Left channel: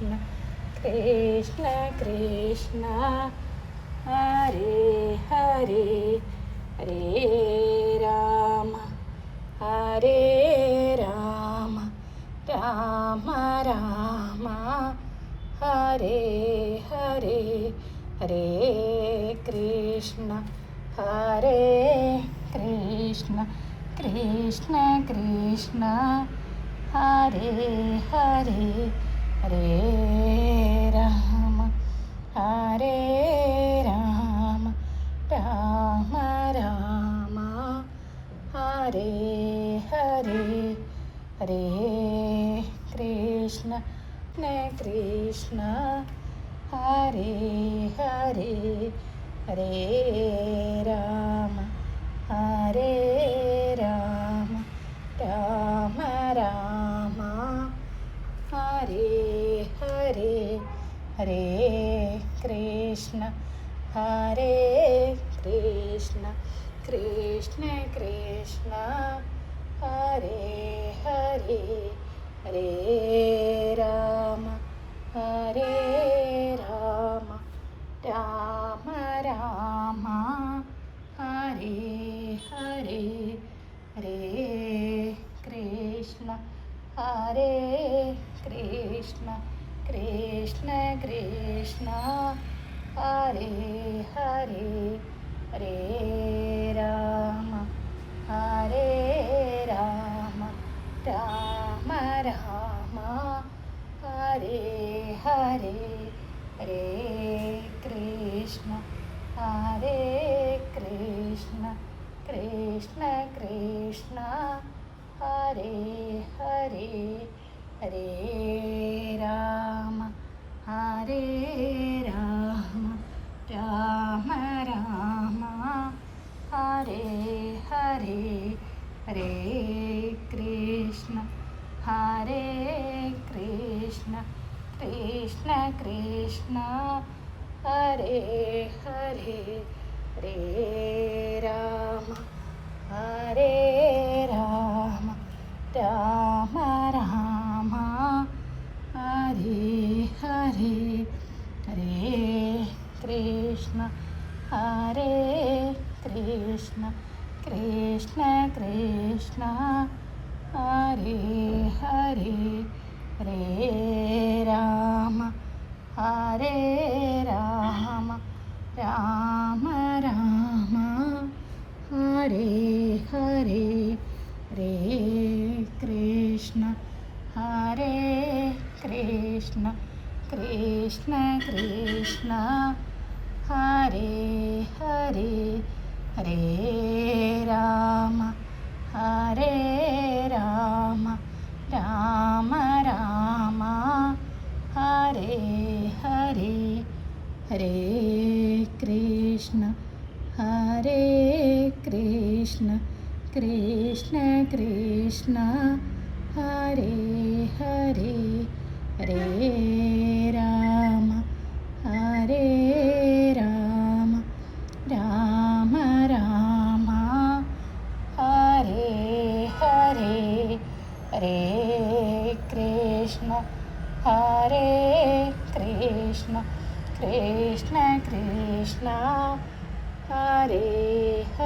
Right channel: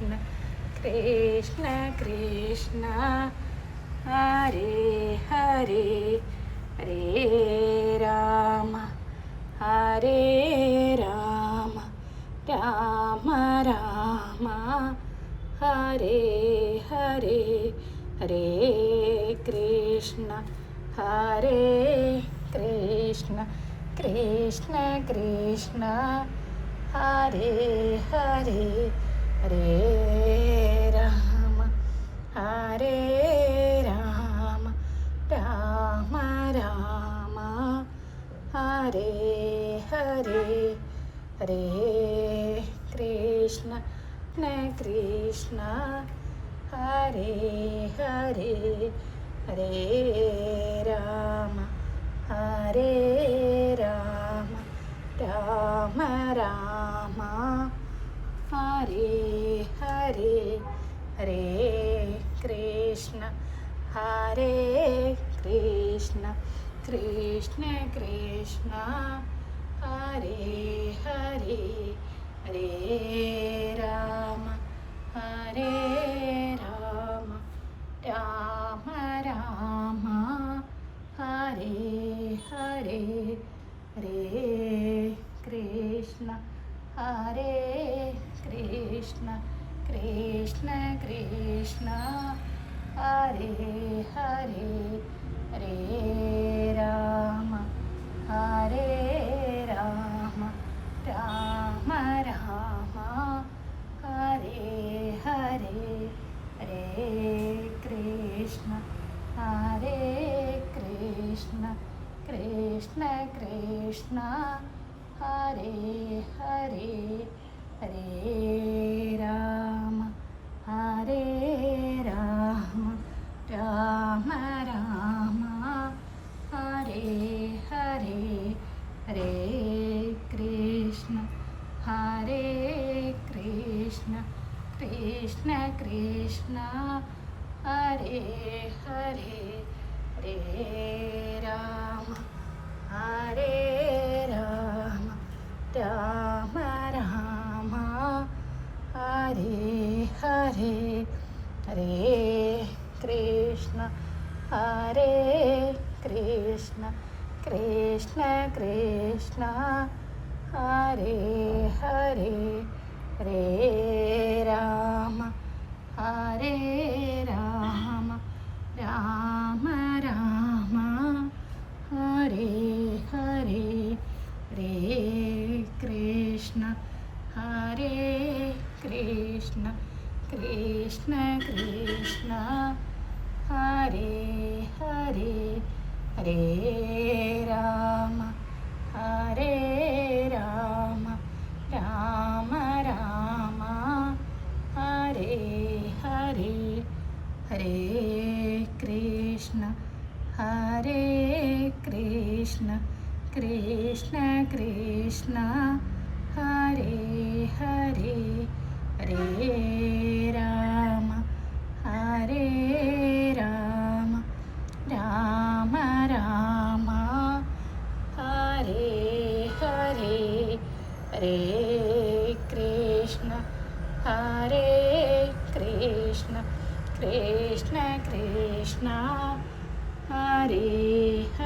Krishna Krishna Krishna Hare Hare Hare Ram Hare Ram Ram Ram Hare Hare Hare Krishna Krishna Krishna Krishna Hare Hare Hare Ram Ram Ram Ram Hare Hare Hare Krishna Krishna Hare Hare Hare Ram Ram Ram Ram Hare Hare Hare Krishna Krishna Krishna Krishna Hare Hare Hare Ram Ram Ram Ram Hare Hare Hare Krishna Krishna Krishna Krishna Hare Hare Hare Ram Ram Ram Ram Hare Hare Hare Krishna Krishna Krishna Krishna Hare Hare Hare Ram Ram Ram Ram Hare Hare Hare Krishna Krishna Krishna Krishna Hare Hare Hare Ram Ram Ram Ram Hare Hare Hare Krishna Krishna Krishna Krishna Hare Hare Hare Ram Ram Ram Ram Hare Hare Hare Krishna Krishna Krishna Krishna Hare Hare Hare Ram Ram Ram Ram Hare Hare Hare Krishna Krishna Krishna Krishna Hare Hare Hare Ram Ram Ram Ram Hare Hare Hare Krishna Krishna Krishna Krishna Hare